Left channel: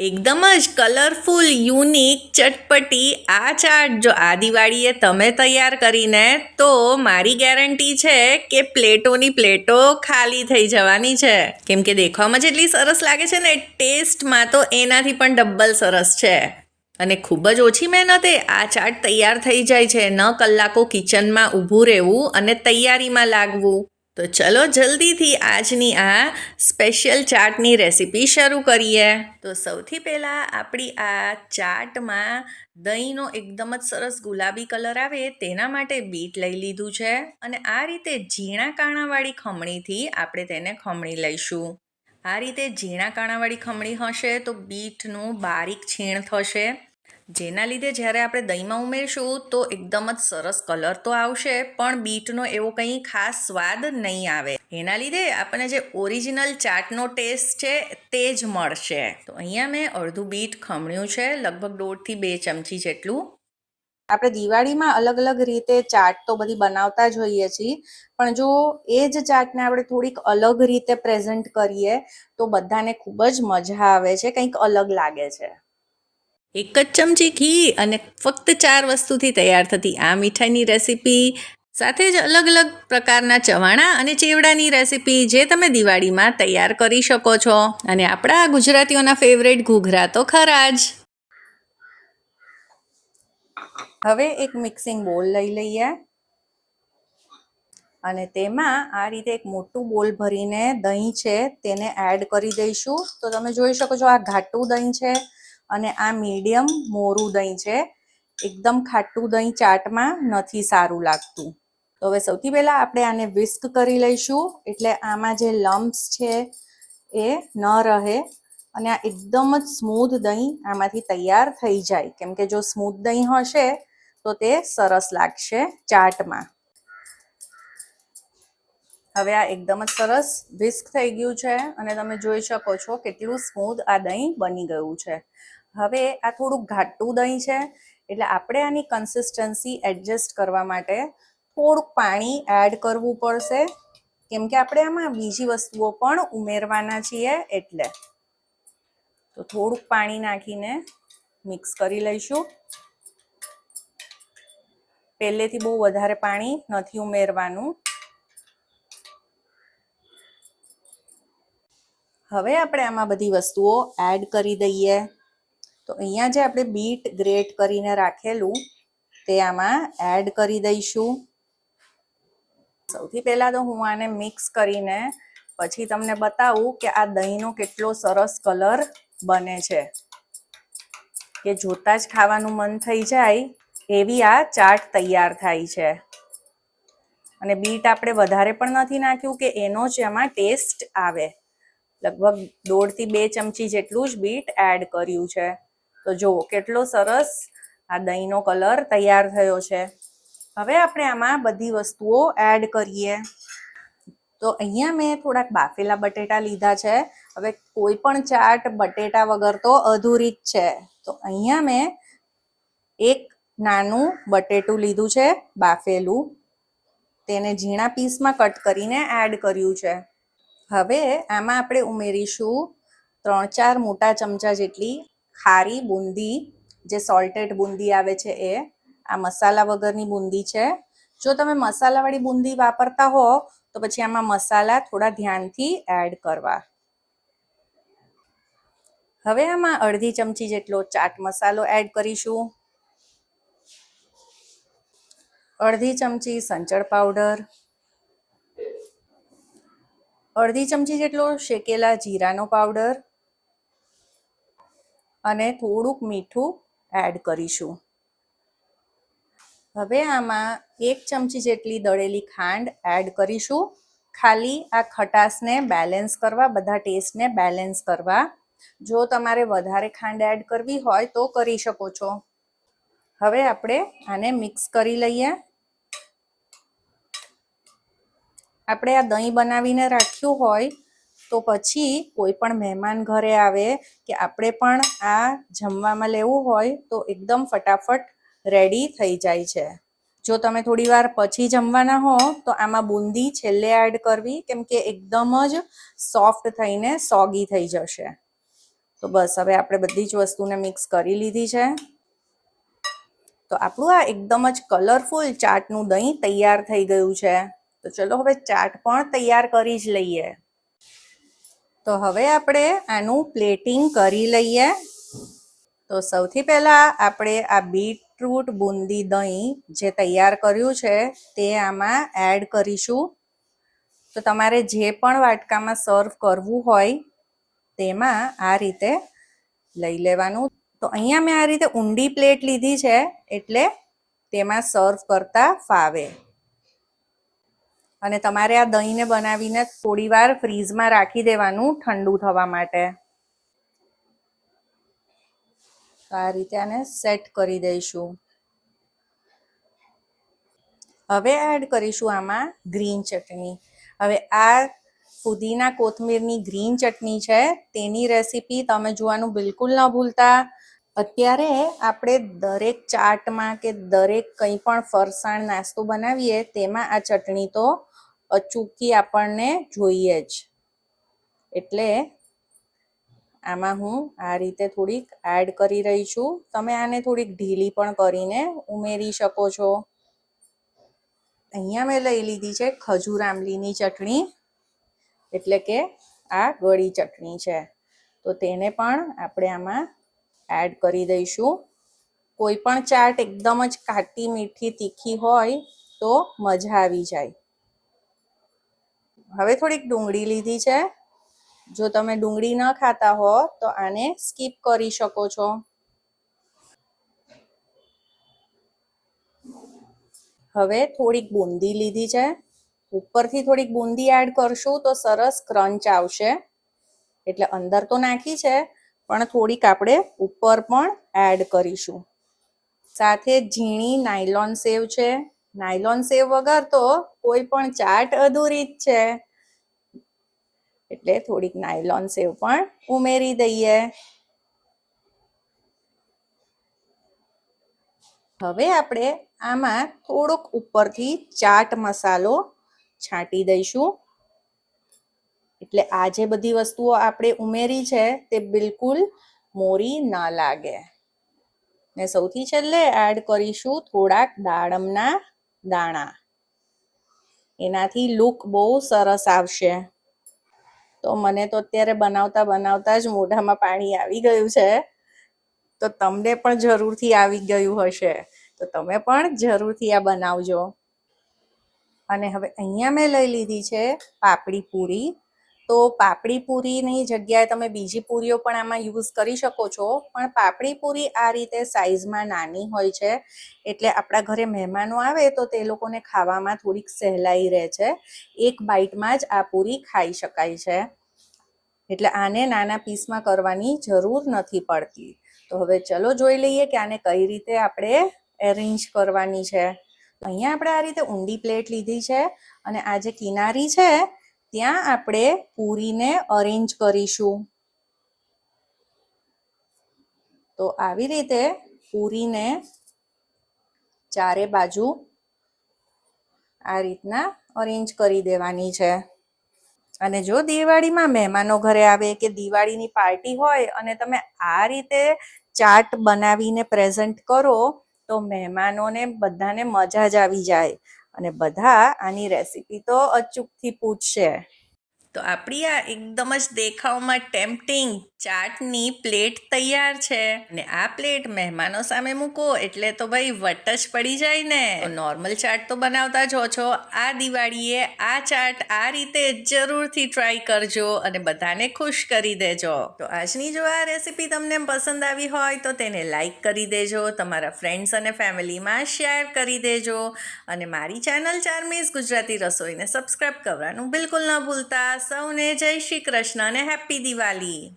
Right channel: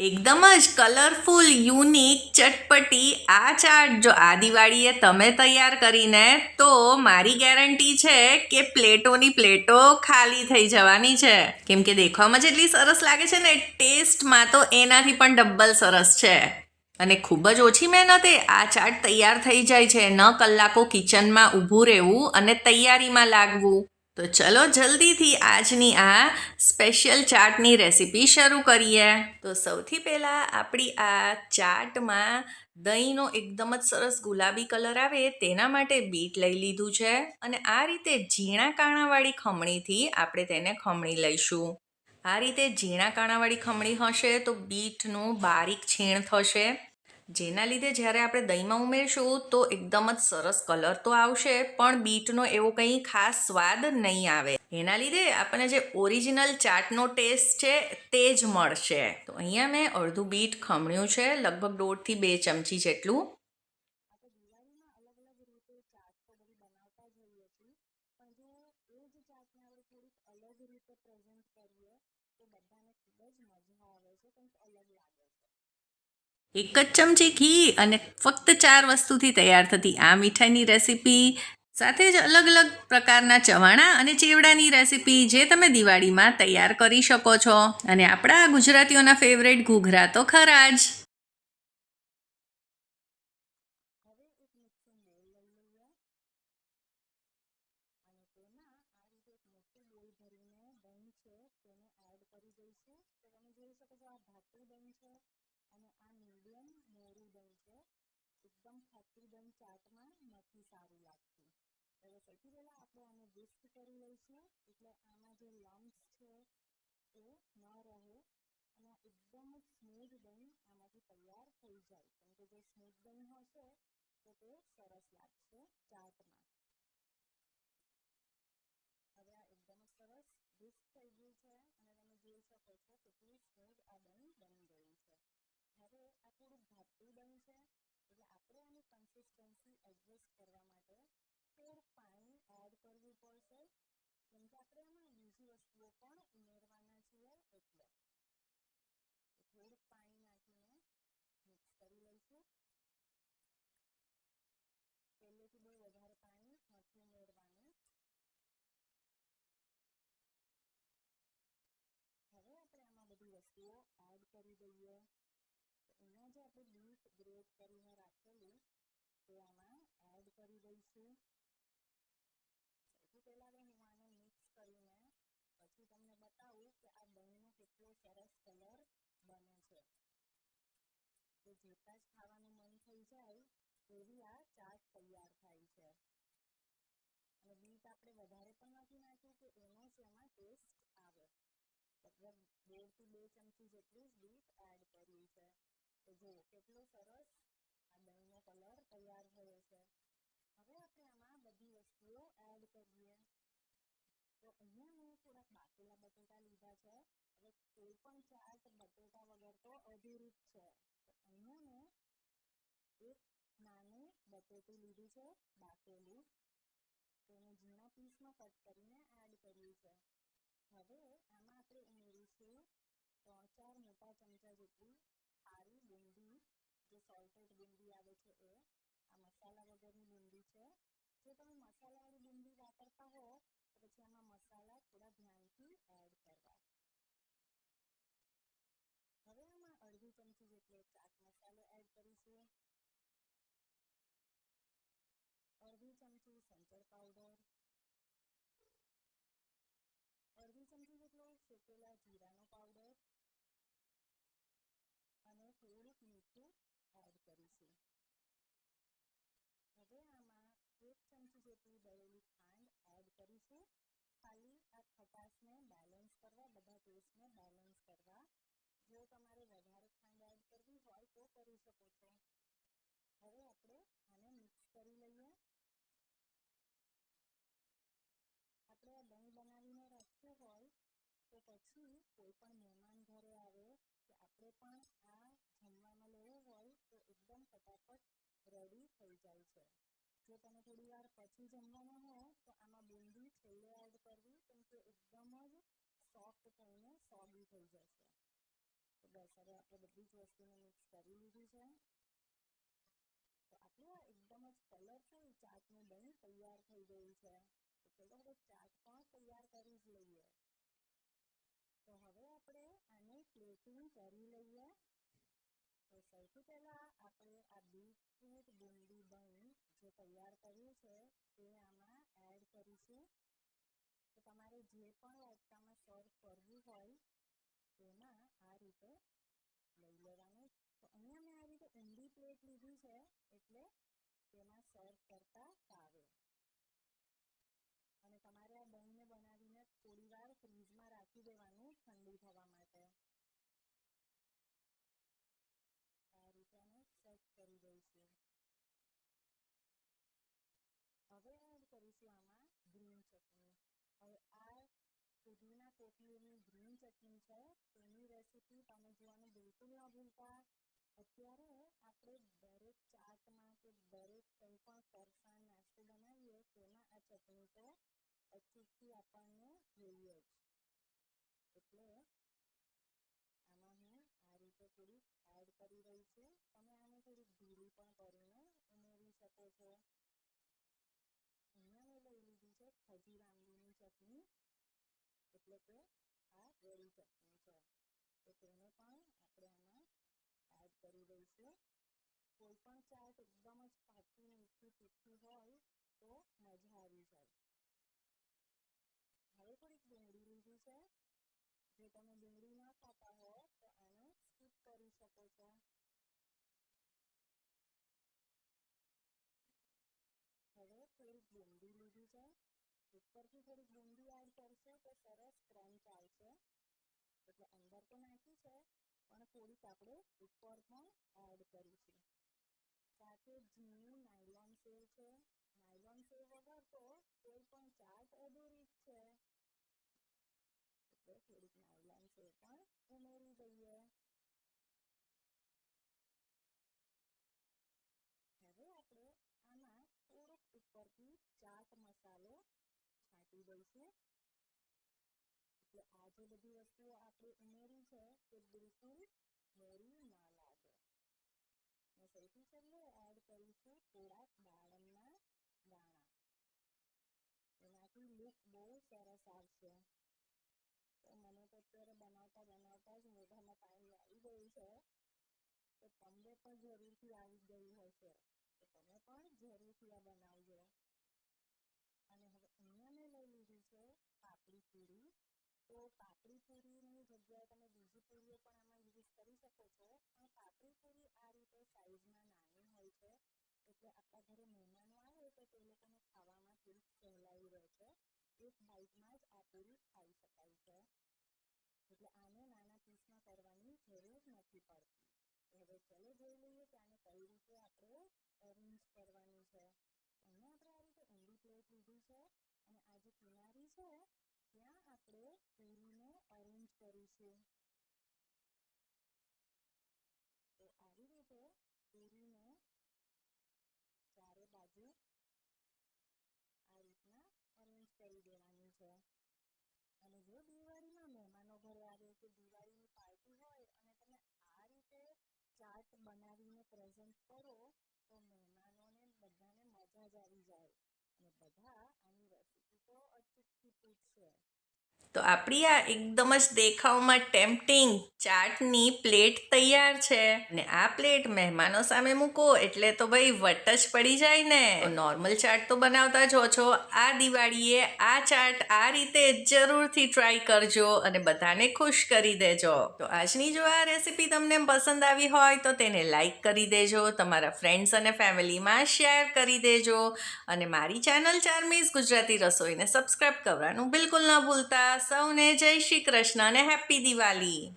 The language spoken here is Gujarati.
એકદમ જ કલરફુલ યુનિક ચટપટી આ ચાટ. જો આ દિવાળીએ તમે તૈયાર કરીને તો મારી ગેરંટી છે કે પ્લેટોની પ્લેટો ખાલી થઈ જવાની છે. કેમ કે દેખવામાં જેટલી સરસ લાગે છે ને, ટેસ્ટમાં તો એનાથી પણ ડબલ સરસ છે. અને ખૂબ જ ઓછી મહેનતે આ ચાટ તૈયાર થઈ જાય છે. ન કલાકો કિચનમાં ઊભું રહેવું અને તૈયારીમાં લાગવું. તો ચલો જલ્દીથી આજની આ સ્પેશિયલ ચાટની રેસીપી શરૂ કરીએ. તો સૌથી પહેલાં આપણી આ ચાટમાં દહીંનો એકદમ જ સરસ ગુલાબી કલર આવે તેના માટે બીટ લઈ લીધું છે અને આ રીતે ઝીણા કાણાવાળી ખમણીથી આપણે તેને ખમણી લઈશું. આ રીતે ઝીણા કાણાવાળી ખમણી હશે તો બીટનું બારીક છીણ થશે. જેના લીધે જ્યારે આપણે દહીંમાં ઉમેરશું તો એકદમ જ સરસ કલર તો આવશે, પણ બીટનો એવો કંઈ ખાસ સ્વાદ નહીં આવે. એના લીધે આપણને જે ઓરિજિનલ ચાટનો ટેસ્ટ છે તે જ મળશે. તો અહીંયા મેં અડધું બીટ ખમણ્યું છે, લગભગ દોઢથી બે ચમચી જેટલું. આપણે દિવાળીમાં અલગ અલગ રીતે ચાટ તો બધી બનાવતા જ હોઈએ છીએ, પણ જો એ જ ચાટને આપણે થોડીક અલગ રીતે પ્રેઝન્ટ કરીએ તો બધાને ખૂબ જ મજા આવે છે, કંઈક અલગ લાગે છે. એક જ ચમચી ઘી અને ફક્ત ચાર વસ્તુથી તૈયાર થતી આ મીઠાઈની રેસીપી, સાથે જ અલગ અલગ પ્રકારના ચવાણા અને ચેવડાની રેસીપી જે તમે દિવાળીમાં તૈયાર કરી શકો છો. અને આપણા ગુજરાતીઓના ફેવરેટ ઘૂઘરા તો ખરા જ. હવે એક મિક્સિંગ બોલ લઈ લઈએ. અને તેમાં આ રીતે એક મોટું બોલ ભરીને દહીં છે તેને એડ કરી દઈશું. તો તમે જોઈ શકો છો આ ઘાટું દહીં છે. અને આ મીડિયમ મોરું દહીં છે. એકદમ ખાટું દહીં ચાટમાં નથી સારું લાગતું. તો હવે સૌથી પહેલાં આપણે આને વિસ્ક કરી લઈશું. એટલે આમાં જે લમ્સ છે એ ન રહે અને આ એકદમ જ સ્મૂધ દહીં આમાંથી તૈયાર થઈ જાય. કેમ કે જો સ્મૂથ દહીં હશે તો તે સરસ લાગશે ચાટમાં. હવે આ એકદમ જ સરસ વિસ્ક થઈ ગયું છે અને તમે જોઈ શકો છો કેટલું સ્મૂધ આ દહીં બની ગયું છે. હવે આ થોડુંક ઘાટું દહીં છે, એટલે આપણે આની કન્સિસ્ટન્સી એડજસ્ટ કરવા માટે થોડુંક પાણી એડ કરવું પડશે, કેમ કે આપણે આમાં બીજી વસ્તુઓ પણ ઉમેરવાના છીએ, એટલે. તો થોડુંક પાણી નાખીને મિક્સ કરી લઈશું. પહેલેથી બહુ વધારે પાણી નથી ઉમેરવાનું. હવે આપણે આમાં બધી વસ્તુઓ એડ કરી દઈએ. તો અહીંયા જે આપણે બીટ ગ્રેટ કરીને રાખેલું, તે આમાં એડ કરી દઈશું. સૌથી પહેલાં તો હું આને મિક્સ કરીને પછી તમને બતાવું કે આ દહીંનો કેટલો સરસ કલર બને છે. કે જોતાં જ ખાવાનું મન થઈ જાય એવી આ ચાટ તૈયાર થાય છે. અને બીટ આપણે વધારે પણ નથી નાખ્યું કે એનો જ એમાં ટેસ્ટ આવે. લગભગ દોઢથી બે ચમચી જેટલું જ બીટ એડ કર્યું છે. તો જુઓ, કેટલો સરસ આ દહીંનો કલર તૈયાર થયો છે. હવે આપણે આમાં બધી વસ્તુઓ એડ કરીએ. તો અહીંયા મેં થોડાક બાફેલા બટેટા લીધા છે. હવે કોઈ પણ ચાટ બટેટા વગર તો અધૂરી જ છે. તો અહીંયા મેં એક નાનું બટેટું લીધું છે, બાફેલું. તેને ઝીણા પીસમાં કટ કરીને એડ કર્યું છે. હવે આમાં આપણે ઉમેરીશું ત્રણ ચાર મોટા ચમચા જેટલી ખારી બુંદી, જે સોલ્ટેડ બુંદી આવે છે એ, આ મસાલા વગરની બુંદી છે. જો તમે મસાલાવાળી બુંદી વાપરતા હો, તો પછી આમાં મસાલા થોડા ધ્યાનથી એડ કરવા. હવે આમાં અડધી ચમચી જેટલો ચાટ મસાલો એડ કરીશું. અડધી ચમચી સંચળ પાવડર અડધી ચમચી જેટલો શેકેલા જીરાનો પાવડર અને થોડુંક મીઠું એડ કરીશું. હવે આમાં એક ચમચી જેટલી દળેલી ખાંડ એડ કરીશું. ખાલી આ ખટાશને બેલેન્સ કરવા, બધા ટેસ્ટને બેલેન્સ કરવા. જો તમારે વધારે ખાંડ એડ કરવી હોય તો કરી શકો છો. હવે આપણે આને મિક્સ કરી લઈએ. આપણે આ દહીં બનાવીને રાખ્યું હોય તો પછી કોઈ પણ મહેમાન ઘરે આવે કે આપણે પણ આ જમવામાં લેવું હોય તો એકદમ ફટાફટ રેડી થઈ જાય છે. જો તમે થોડી વાર પછી જમવાના હો તો આમાં બુંદી છેલ્લે એડ કરવી કેમ કે એકદમ જ સોફ્ટ થઈને સોગી થઈ જશે. તો બસ હવે આપણે બધી જ વસ્તુને મિક્સ કરી લીધી છે. તો આપણું આ એકદમ જ કલરફુલ ચાટનું દહીં તૈયાર થઈ ગયું છે. તો ચલો હવે ચાટ પણ તૈયાર કરી જ લઈએ. તો હવે આપણે આનું પ્લેટિંગ કરી લઈએ. તો સૌથી પહેલાં આપણે આ બીટરૂટ બુંદી દહીં જે તૈયાર કર્યું છે તે આમાં એડ કરીશું. તો તમારે જે પણ વાટકામાં સર્વ કરવું હોય તેમાં આ રીતે લઈ લેવાનું. તો અહીંયા મેં આ રીતે ઊંડી પ્લેટ લીધી છે એટલે તેમાં સર્વ કરતા ફાવે. અને તમારે આ દહીંને બનાવીને થોડી વાર ફ્રીઝમાં રાખી દેવાનું ઠંડુ થવા માટે. આ રીતે આને સેટ કરી દઈશું. હવે એડ કરીશું આમાં ગ્રીન ચટણી. હવે આ ફુદીના કોથમીરની ગ્રીન ચટણી છે, તેની રેસીપી તમે જોવાનું બિલકુલ ન ભૂલતા. અત્યારે આપણે દરેક ચાટમાં કે દરેક કંઈ પણ ફરસાણ નાસ્તો બનાવીએ, તેમાં આ ચટણી તો અચૂકી આપણને જોઈએ જ. એટલે આમાં હું આ રીતે થોડીક એડ કરી રહી છું. તમે આને થોડીક ઢીલી પણ કરીને ઉમેરી શકો છો. અહીંયા મેં લઈ લીધી છે ખજૂર આંબલીની ચટણી. એટલે કે આ ગળી ચટણી છે. તો તેને પણ આપણે આમાં એડ કરી દઈશું. કોઈ પણ ચાટ એકદમ જ ખાટી મીઠી તીખી હોય તો મજા આવી જાય. હવે થોડીક ડુંગળી લીધી છે. જો તમે ડુંગળી ન ખાતા હો, તો આને સ્કીપ કરી શકો છો. હવે થોડીક બુંદી લીધી છે. ઉપરથી થોડીક બુંદી એડ કરશું તો સરસ ક્રંચ આવશે. એટલે અંદર તો નાખી છે, પણ થોડીક આપણે ઉપર પણ એડ કરીશું. સાથે ઝીણી નાયલોન સેવ છે. નાયલોન સેવ વગર તો કોઈ પણ ચાટ અધૂરી જ છે. એટલે થોડીક નાયલોન સેવ પણ ઉમેરી દઈએ. હવે આપણે આમાં થોડોક ઉપરથી ચાટ મસાલો છાંટી દઈશું. એટલે આ જે બધી વસ્તુઓ આપણે ઉમેરી છે તે બિલકુલ મોરી ન લાગે. ને સૌથી છેલ્લે એડ કરીશું થોડાક દાડમના દાણા. એનાથી લુક બહુ સરસ આવશે. તો મને તો અત્યારે બનાવતા બનાવતા જ મોઢામાં પાણી આવી ગયું છે. તો તમને પણ જરૂરથી આવી ગયું હશે. તો તમે પણ જરૂરથી આ બનાવજો. અને હવે અહીંયા મેં લઈ લીધી છે પાપડી પૂરી. તો પાપડી પૂરીની જગ્યાએ તમે બીજી પૂરીઓ પણ આમાં યુઝ કરી શકો છો. પણ પાપડી પૂરી આ રીતે સાઇઝમાં નાની હોય છે, એટલે આપણા ઘરે મહેમાનો આવે તો તે લોકોને ખાવામાં થોડીક સહેલાઈ રહે છે. એક બાઇટમાં જ આ પૂરી ખાઈ શકાય છે. એટલે આને નાના પીસમાં કરવાની જરૂર નથી પડતી. તો હવે ચલો જોઈ લઈએ કે આને કઈ રીતે આપણે એરેન્જ કરવાની છે. અહીંયા આપણે આ રીતે ઊંડી પ્લેટ લીધી છે અને આ જે કિનારી છે ત્યાં આપણે પૂરીને અરેન્જ કરીશું. તો આવી રીતે પૂરીને ચારે બાજુ આ રીતના અરેન્જ કરી દેવાની છે. અને જો દિવાળીમાં મહેમાનો ઘરે આવે કે દિવાળીની પાર્ટી હોય અને તમે આ રીતે ચાટ બનાવીને પ્રેઝન્ટ કરો, તો મહેમાનોને બધાને મજા જ આવી જાય. અને બધા આની રેસીપી તો અચૂકથી પૂછશે. તો આપણી આ એકદમ જ દેખાવમાં ટેમ્પટિંગ ચાટની પ્લેટ તૈયાર છે. અને આ પ્લેટ મહેમાનો સામે મૂકો, એટલે તો ભાઈ વટ જ પડી જાય ને. નોર્મલ ચાટ તો બનાવતા જ હો છો. આ દિવાળીએ આ ચાટ આ રીતે જરૂરથી ટ્રાય કરજો અને બધાને ખુશ કરી દેજો. તો આજની જો આ રેસીપી તમને પસંદ આવી હોય, તો તેને લાઈક કરી દેજો. તમારા ફ્રેન્ડ્સ અને ફેમિલીમાં શેર કરી દેજો. અને મારી ચેનલ ચાર્મીઝ ગુજરાતી રસોઈને સબસ્ક્રાઈબ કરવાનું બિલકુલ ન ભૂલતા. સૌને જય શ્રી કૃષ્ણ અને હેપી દિવાળી.